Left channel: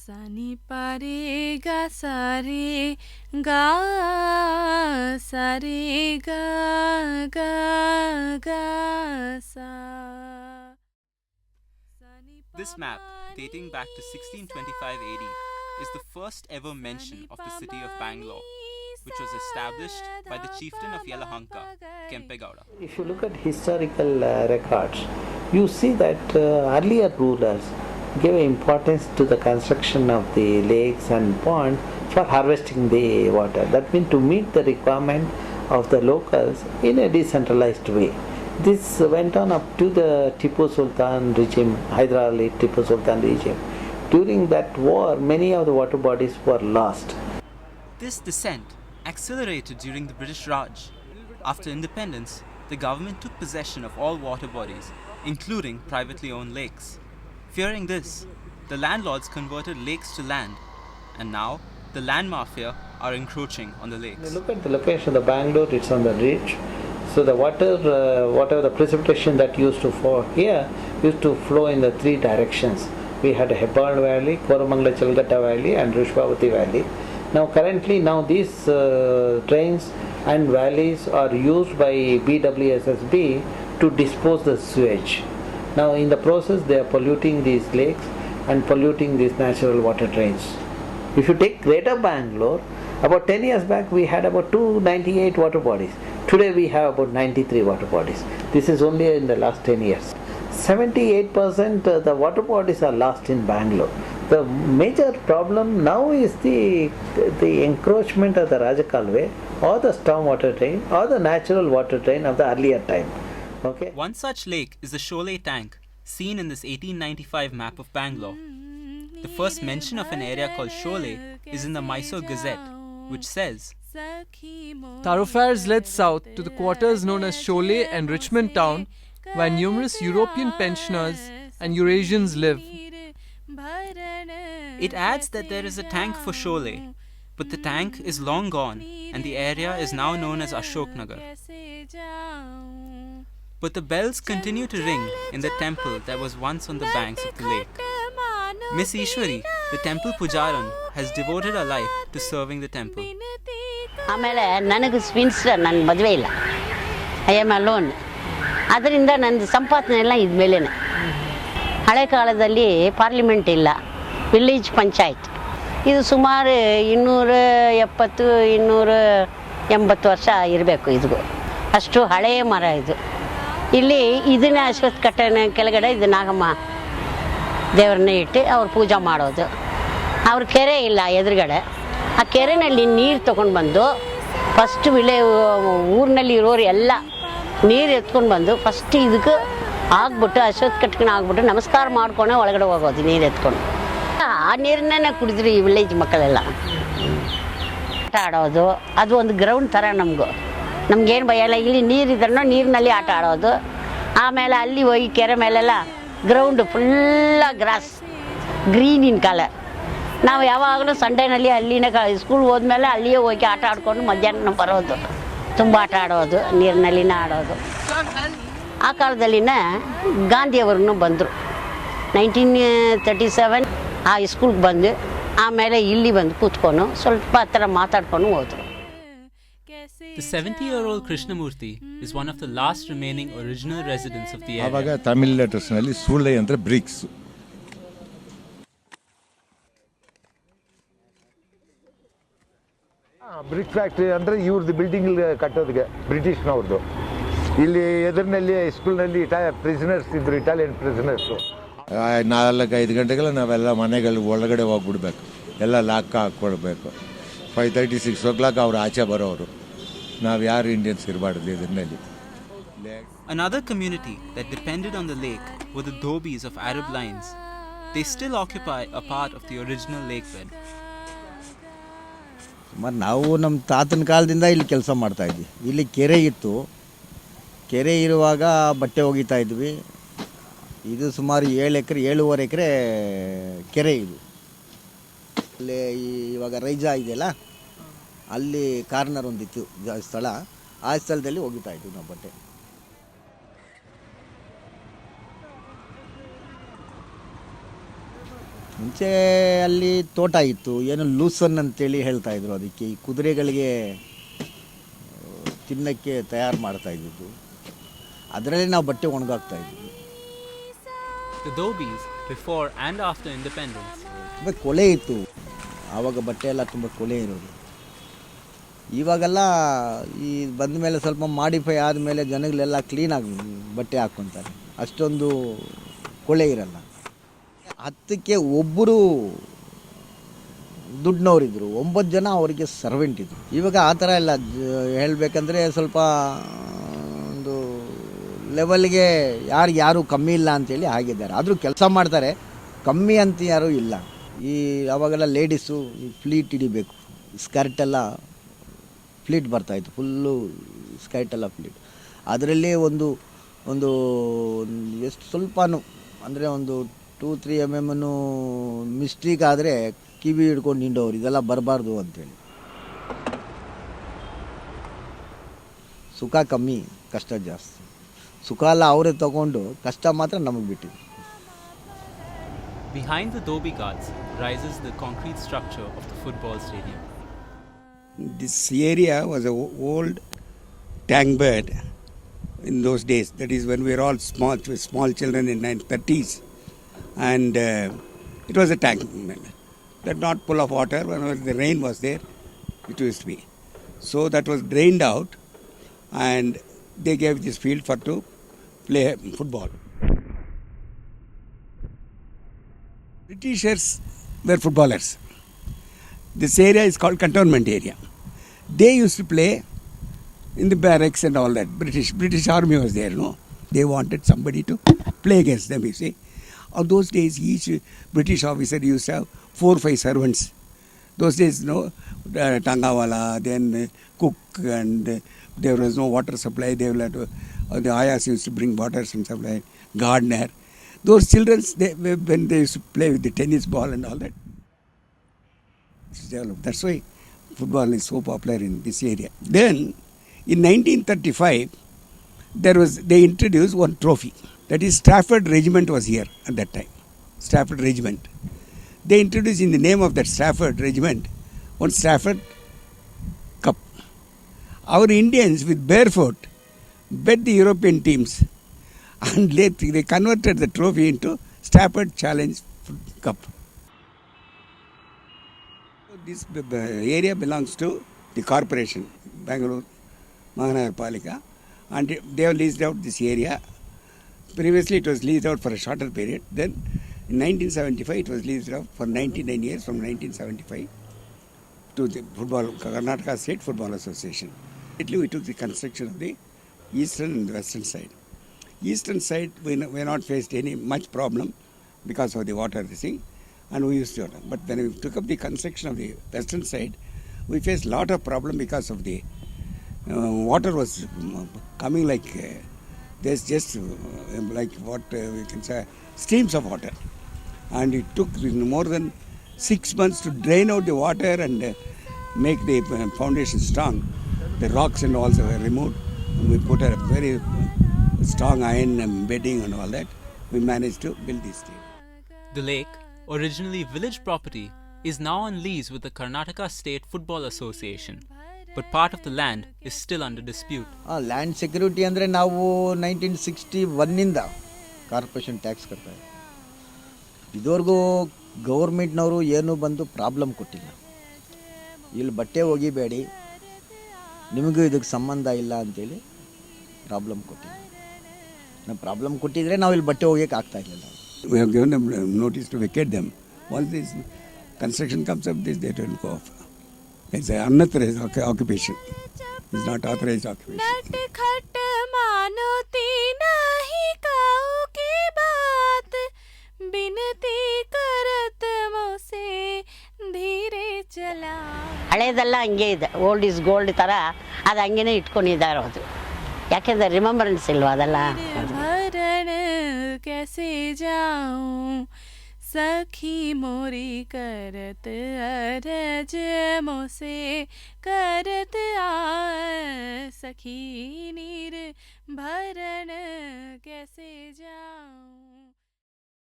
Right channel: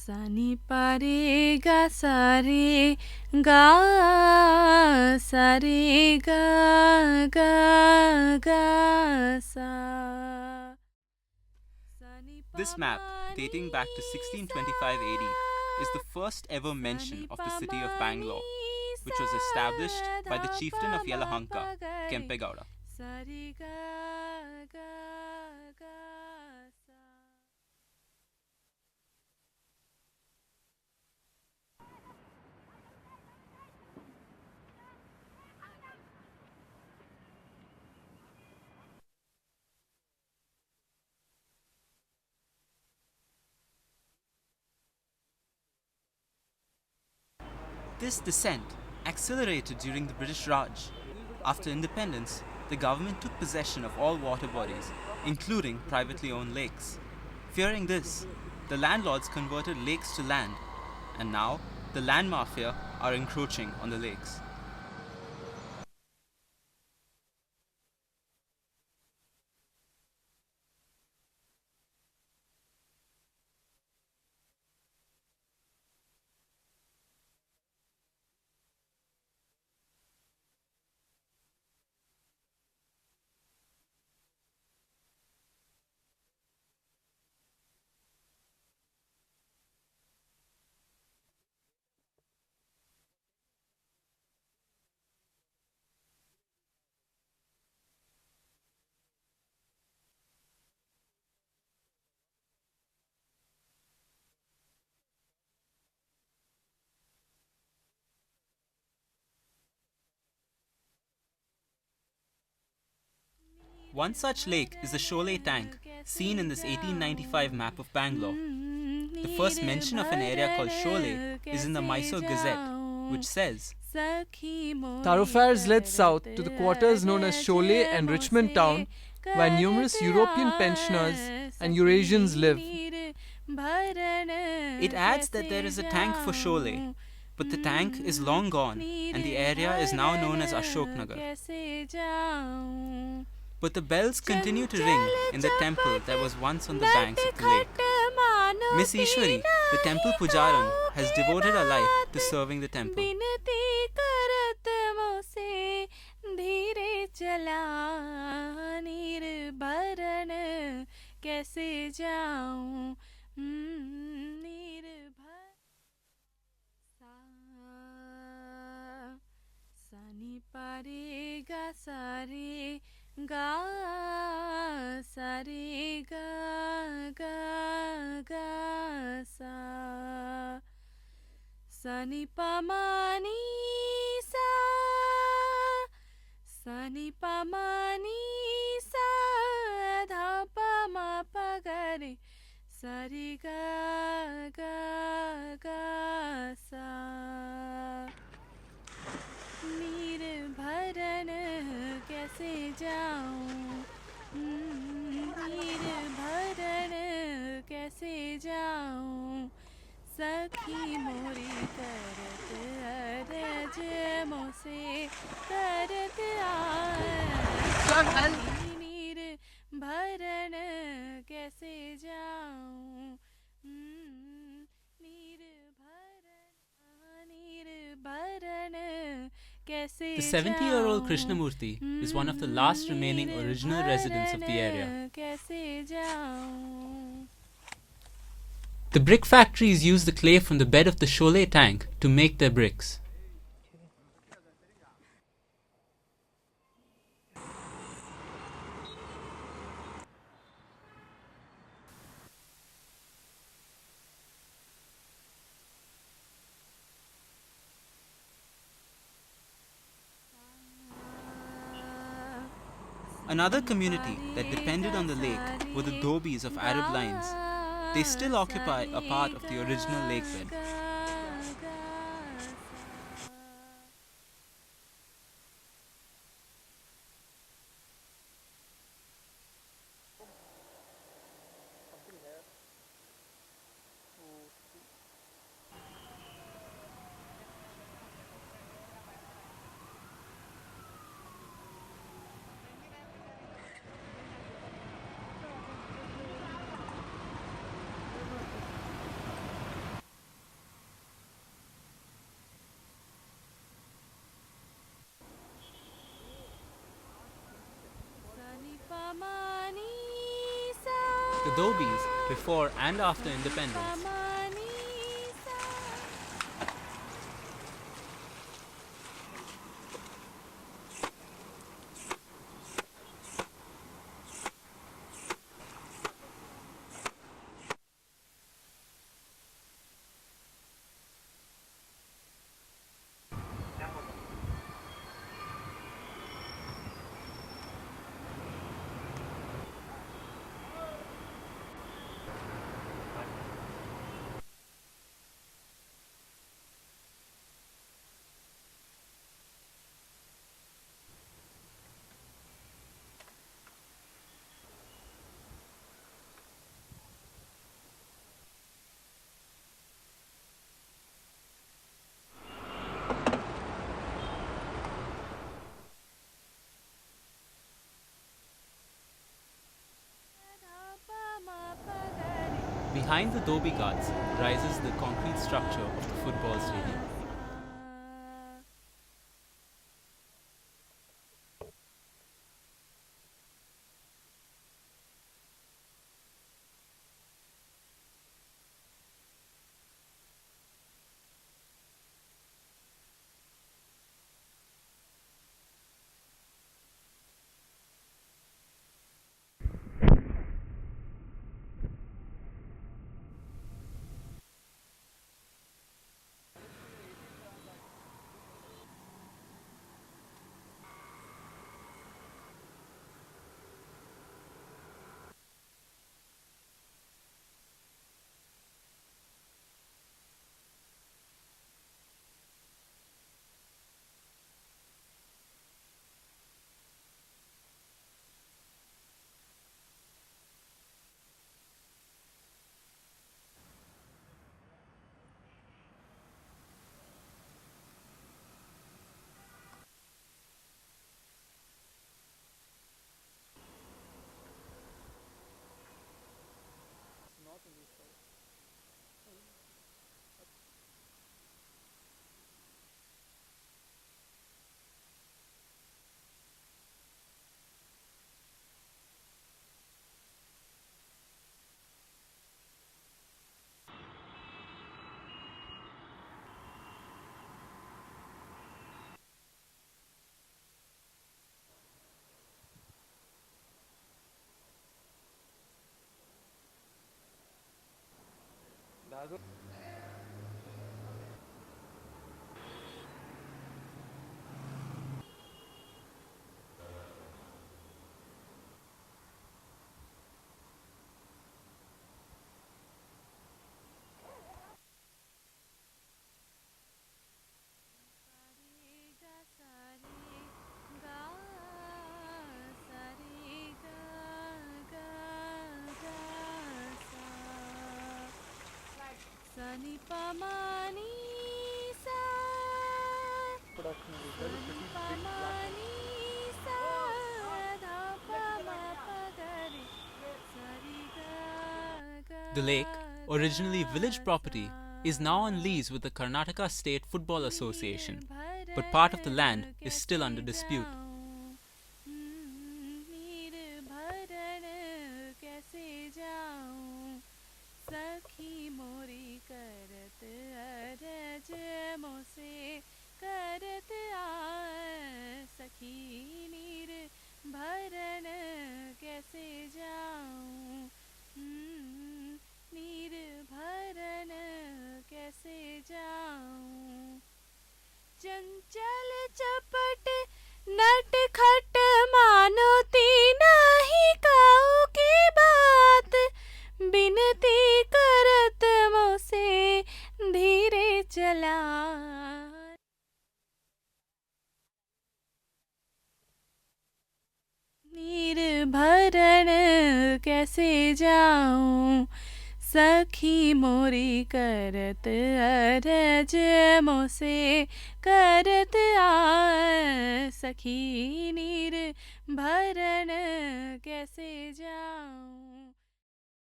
Sani pare ga sare ga sare ga ga ga sa. This map, dating back to 1625 AD, is the first ever mention of the city of Bangalore, which was established by the chieftain of Yelahanka, Kempegowda. If you look at historical records, you see that earlier rulers gave importance to the construction of the lakes and ponds for harvesting the water. That means to meet the requirement of the locals in a decentralized way. This went on up to the Tipu Sultan regime, Hyder Ali Tipu Sultan regime. During that war, many of the water bodies were lost. This descent accelerated during the British Raj. After independence, the government took possession of all water bodies, including privately owned lakes. Fearing this, the landlords converted lakes to land, and now the land mafia are encroaching on the lakes. Look at the location of Bangalore, it's on the ridge. So the water, whatever the precipitation that used to fall here, used to flow in the three directions. We had a Hebbal Valley, Koramangala Chalgata Valley and Rushpavati Valley. Now currently these drains and valleys are used by BWSSB to dispose the sewage. Now in the process they are polluting these lakes and polluting these natural water drains. If you take Greater Bangalore, about 10 years back we had about 298 water bodies. Today we have about 93 water bodies. This is only in the last 10 years. 78% the water bodies are lost in Bangalore. The major problem now is the encroachment of the Rajakalve or the storm water drain or the natural water drain of the earlier time. Okay. One such lake is the Sholay tank, seen in this 1895 map of Bangalore. The first mention of an area called Sholay is in the Mysore Gazette, which says, Thoroughfares led south to the quarters known as Sholay and Richmond Town, where numerous European pensioners and Eurasians live. It adds that there is a tank for Sholay, but the tank is long gone and the area is now known as Ashoknagar. But the bells continue to ring in the temple that was once on the banks of the lake. Miss Ishwari, the temple pujaran, has devoted her life to serving the temple. ಆಮೇಲೆ ನನಗೆ ಸ್ವಿನ್ಸ್ ನನ್ನ ಮದುವೆ ಇಲ್ಲ, I am alone. ಅದರಿಂದ ನನ್ನ ಸಂಪಾದನೆ ಎಲ್ಲ ಇದ್ಮೇಲೆ. ಹಳೆ ಕಾಲದಲ್ಲಿ ಪಾರ್ಲಿಮೆಂಟ್ ಇಲ್ಲ, ವಿಲೇಜ್ ಪಂಚಾಯತ್. ಇದು ಸುಮಾರು 270-280 ವರ್ಷ ಇರಬೇಕು. ಇದು ಅಷ್ಟು ಹಳೆಯ ಮರ ಇದು. ಇಲ್ಲಿ ಇದನ್ನೇ ಅಶ್ವತ್ಥ ಕಟ್ಟೆನ ಕೆಳಗಡೆ ಇದು ನಾಗಮ್ಮ ದೇವ್ರನ್ನ ಇಟ್ಟು ಅವ್ರು ಪೂಜೆ ಮಾಡೋದು. ಅವ್ರ ಕೆರೆ ಇಲ್ಲ ಎದುರುಗಡೆ, ಆ ಕೆರೆಯಲ್ಲಿ ನೀರು ತೊಗೊಂಡು ಬಂದು ಫಸ್ಟ್ ಊರಿನಲ್ಲಿ ಇರೋರು ಎಲ್ಲ ನೀರು ಎತ್ಕೊಂಡು ಬಂದು ಫಸ್ಟ್ ಇದಕ್ಕೆ ಆಗ್ಬಿಟ್ಟು ಅಶ್ವತ್ಥ ಕಟ್ಕೊಂಡು ಆಗ್ಬಿಟ್ಟು ನಮಸ್ಕಾರ ಮಾಡ್ಕೊಂಡೆ ಒಳಗಡೆ ಹೋಗೋದು ನೀರು ಎತ್ಕೊಂಡು. ಆ ನೀರನ್ನೇ ಕುಡಿದ್ರು ಈ ವಿಲೇಜ್ ಮಕ್ಕಳೆಲ್ಲ. ಆಟ ಆಡೋದು, ಅದು ಒಂದು ಗ್ರೌಂಡ್ ಥರ ನಮಗೇನು ಭಯ ಇಲ್ಲ. ಇಲ್ಲಿ ನೀರಿದ್ರೂ ನೀರಿನಲ್ಲಿ ಆಟ ಆಡೋದು. ಆಮೇಲೆ ಅಲ್ಲಿ ಹೋಗಿ ಕೆರೆ ಮೇಲೆಲ್ಲ ಗ್ರೌಂಡು ಫುಲ್ಲ ಗ್ರಾಸ್, ಗ್ರೀನಿನ ಕಲರ್. ನಾವು ಯಾವಾಗಲೂ ಸಂಡೇನಲ್ಲಿ ಅಲ್ಲಿನೇ ಸ್ಕೂಲ್ ಹೋದ್ಮೇಲೆ ಅಲ್ಲಿಯೇ ಹೋಗಿ ಆಟ ಆಡ್ಕೊಂಡು ಮಧ್ಯಾಹ್ನ ಬರೋದು. ತುಂಬ ಆಟ ಆಡೋದು, ನೀರಿನಲ್ಲಿನ ಆಡೋದು. ಆ ಕಾಲದಲ್ಲಿನ ಗಾಂಧಿಯವ್ರನ್ನೂ ಬಂದರು. 1937 ಆ ಸ್ಕೂಲ್ಗೆ ಬಂದು ಆಮೇಲೆ ಇಲ್ಲಿ ಬಂದು ಕೂತ್ಕೊಂಡು ಸ್ವಲ್ಪ ಹತ್ರ ಮಾತಾಡ್ಕೊಂಡು ಹೋದರು. The 70-year-old Krishnamurti is one of the last remaining original residents of the area. ಆವಾಗ ತಮಿಳ್ ಲೆಟರ್ಸ್ನಲ್ಲಿ ಸೂಳೆ ಅಂದರೆ BRICS. The brick factories use the clay from the bed of the Sholay tank to make their bricks. Brick factory ಅಂದರೆ ಇವ್ರದ್ದು building ಕಟ್ಟೋದಕ್ಕೆ ಬ್ರಿಟಿಷ್ನವ್ರದ್ದು. ಇಲ್ಲಿ ಎದುರಿನಲ್ಲಿ ಸ್ಕೂಲ್ನಲ್ಲಿ prisoners ಇದ್ರು, ಇಟಾಲಿಯನ್ ಪ್ರಿಸನರ್ಸು. 4-5 ಗಂಟೆಗೆಲ್ಲ ನಾವೆಲ್ಲ ಮನೆಗಳು ಒಳಗಡೆ ಹೋಗ್ಬಿಡ್ಬೇಕು, ಎಲ್ಲ ಲಾಕ್ ಹಾಕ್ಕೊಡ್ಬೇಕು. 5:30-6 o'clock ಅವ್ರು ಆಚೆ ಬರೋರು. ನಾವು ಯಾರು ಇಂಡಿಯನ್ಸ್ ಇರಬಾರ್ದು ಇದರಲ್ಲಿ. Another community that depended on the lake were the dhobis of Arab lines. They still occupy a part of the original lake bed. ನಾವು ನಮ್ಮ ತಾತನ ಕಾಲದಿಂದ ಇಲ್ಲಿ ಕೆಲಸ ಮಾಡ್ತಾಯಿದ್ವಿ. ಇಲ್ಲಿ ಕೆರೆ ಇತ್ತು, ಕೆರೆ ಇರುವಾಗ ಬಟ್ಟೆ ಒಗಿತಾ ಇದ್ವಿ. ಇದು ಸುಮಾರು 7-7.5 ಎಕರೆ ಕೆರೆ ಇದು. ಅಲ್ಲಿ ಇವಾಗ ರೈಜಾ ಇದೆಯಲ್ಲ, ಅಲ್ಲಿ ಕಾರ್ನರ್ ಒಂದಿತ್ತು ಸ್ಥಳ, ಆ ಸ್ಥಳದಲ್ಲಿ ಒಗಿತಾ ಇದ್ವಿ ನಾವು ಬಟ್ಟೆ. ಮುಂಚೆ ಅಲ್ಲಿ ತೋಟ ಇತ್ತು, ಏನು ಲೂಸನ್ ಅಂತೇಳಿ ಹೇಳ್ತಾ ಇದ್ರು. ಅದಕ್ಕೆ ಈ ಕುದುರೆಗಳಿಗೆ ತಿನ್ನಕ್ಕೆ ತಯಾರು ಮಾಡ್ತಾ ಇದ್ದಿದ್ದು, ಅದರಲ್ಲಿ ನಾವು ಬಟ್ಟೆ ಒಣಗಾಕ್ತಾ ಇದ್ವಿ. The Dobis, before and after independence, ಕೊಳೆ ಇತ್ತು ಆವಾಗ, ಬಟ್ಟೆ ಎಲ್ಲ ತುಂಬ ಕೊಳೆ ಇರೋದು. ಇವಾಗೆಲ್ಲ ಈ ಬಂದ ಮೇಲೆ ಸ್ವಲ್ಪ ಮಾಡಿಫೈ ಆದಮೇಲೆ ಜನಗಳೆಲ್ಲ ಕ್ಲೀನಾಗಿ ಬಟ್ಟೆ ಹಾಕ್ಕೊತಾರೆ, ಅಷ್ಟೊಂದು ಕೊಳೆ ಇರಲ್ಲ. 10ಕ್ಕೆ ಒಬ್ಬರು ದುಡ್ಡಿನವರಿದ್ದರು, 9 ಜನ ಅವರಿಗೆ ಸರ್ವೆಂಟ್ ಇದ್ದರು. ಇವಾಗ ಆ ಥರ ಎಲ್ಲ ಹೇಳಬೇಕಂದ್ರೆ ಸ್ವಲ್ಪ ಒಂದು ಲೆವೆಲ್ಗೆ ಯಾರು ಕಮ್ಮಿ ಇಲ್ಲ ಅಂತೇಳಿ ಆಗಿದ್ದಾರೆ. ಆದರೂ ಕೆಲಸ ಮಾಡ್ತಾರೆ, ಕಮ್ಮಿ ಅಂತ ಯಾರೂ ಇಲ್ಲ. ಈ ಅವಾಗೆಲ್ಲ ಲೇಡೀಸು ಈ ಫ್ಲೀಟ್ ಹಿಡಿಬೇಕು, ಸ್ಕರ್ಟೆಲ್ಲ ಫ್ಲೀಟ್ ಬರ್ತಾಯಿತ್ತು, ಫುಲ್ಲು ಸ್ಕರ್ಟೆಲ್ಲ ಫ್ಲೀಟ್. ಅದರಲ್ಲಿ ಒಂದು ಎಷ್ಟು ಸ್ವಲ್ಪನೂ ಅಂದರೆ ಒಂದು 2-3 mm ಮಿಸ್ಟೇಕ್ ಆದರೆ ಕಿವಿ ಹಿಡ್ಕೊಂಡು ನಿಂಡೋರು, ಇದೆಲ್ಲ ಬರಬಾರ್ದು ಅಂತೇಳಿ. ಸುಖ ಕಮ್ಮಿ, ಕಷ್ಟ ಜಾಸ್ತಿ. ಸುಖ ಎಲ್ಲ ಅವರೇ ತಗೊಂಡು, ಕಷ್ಟ ಮಾತ್ರ ನಮಗೆ ಬಿಟ್ಟಿದ್ದು. behind the Dobi Ghats rises the concrete structure of the football stadium. This area was an old tank bed in those days. That is when we were all small children in 1930s. And it was a tank. That not full of water. Whenever the rain was there, it used to be. So that was drained out, and they gave this field to play football. Britishers were footballers. This area is called cantonment area. They used to play in the barracks and all that. British army was there, no? They wanted somebody to play against them, you see. On those days, each British officer used to have 4-5 servants. Those days, no, Tangawala, then cook, and there was no water supply. They will have to, the ayahs used to bring water and supply, gardener. Those children, when they used to play with the tennis ball and all that. That's why football is so popular in this area. Then, in 1935, they introduced one trophy. That is, Stafford Regiment was here at that time. Stafford Regiment. They introduced in the name of that Stafford Regiment one Stafford Cup. Our Indians with barefoot bet the European teams, and they converted the trophy into Stafford Challenge Cup. This area belongs to the corporation, Bangalore Mahanagarpalika, and they have leased out this area. Previously it was leased out for a shorter period. Then in 1975 it was leased out for 99 years, from 1975 to the Karnataka State Football Association. We took the construction of the eastern and the western side. Eastern side we not faced any much problem because of the water thing, and we used to. But when we took up the construction of the western side, we faced a lot of problem because of the water was coming like there's just like what we can say streams of water, and it took more than 6 months to drain out the water and make the foundation strong. The rocks and all were removed, and we put a very strong iron bedding and all that. We managed to build this thing. The lake, originally village property, is now on lease with the Karnataka State Football Association, but part of the land is still under dispute. Land security ಅಂದರೆ ನಾವು 1961 corporation tax ಕಟ್ತಾ ಇದ್ದೀವಿ. ಇದುವರೆಗೂ ಗೌರ್ಮೆಂಟ್ನವರು ಏನೂ ಬಂದು problem ಕೊಟ್ಟಿಲ್ಲ. ಇಲ್ಲಿ ಬಟ್ಟೆ ಒಗಿಬೇಡಿ, ನಿಮಗೂ ಇದಕ್ಕೆ ಸಂಬಂಧ ಇಲ್ಲ ಅಂತೇಳಿ ಪ್ರಾಬ್ಲಮ್ ಕೊಟ್ಟಿಲ್ಲ. ನಾವು ಪ್ರಾಬ್ಲಮ್ ಕೊಟ್ಟಿದ್ರೆ ನಾವು ಇಲ್ಲಿ ಬಟ್ಟೆ ಒಗೆಯೋಕೆ ಆಗ್ತಾ ಇರಲಿಲ್ಲ. We have given them notice to vacate them. Once this construction comes up, they don't go off. It's an unauthorized occupation. It's not authorized occupation. नट खट मानोती नहीं काऊ की बात, बिनती करत मोसे धीरे चला. ಹಳೇದೆಲ್ಲ ಹಂಗೆ ಇದೆ, ಓಲ್ಡ್ ಇಸ್ ಗೋಲ್ಡ್ ಥರ ಅದು ಹಂಗೇನೆ ಇಟ್ಕೊಂಡಿದ್ದಾರೆ. ಅದು ಯಾಕೆಂದ್ರೆ ರಿಮೆಂಬರೆನ್ಸ್ ಇಲ್ವಾ ಅದೆಲ್ಲ. भरण कैसे जाऊं सखी मोरी करत अरज मोसे करत आ सखी नीर भरण कैसे जाऊं.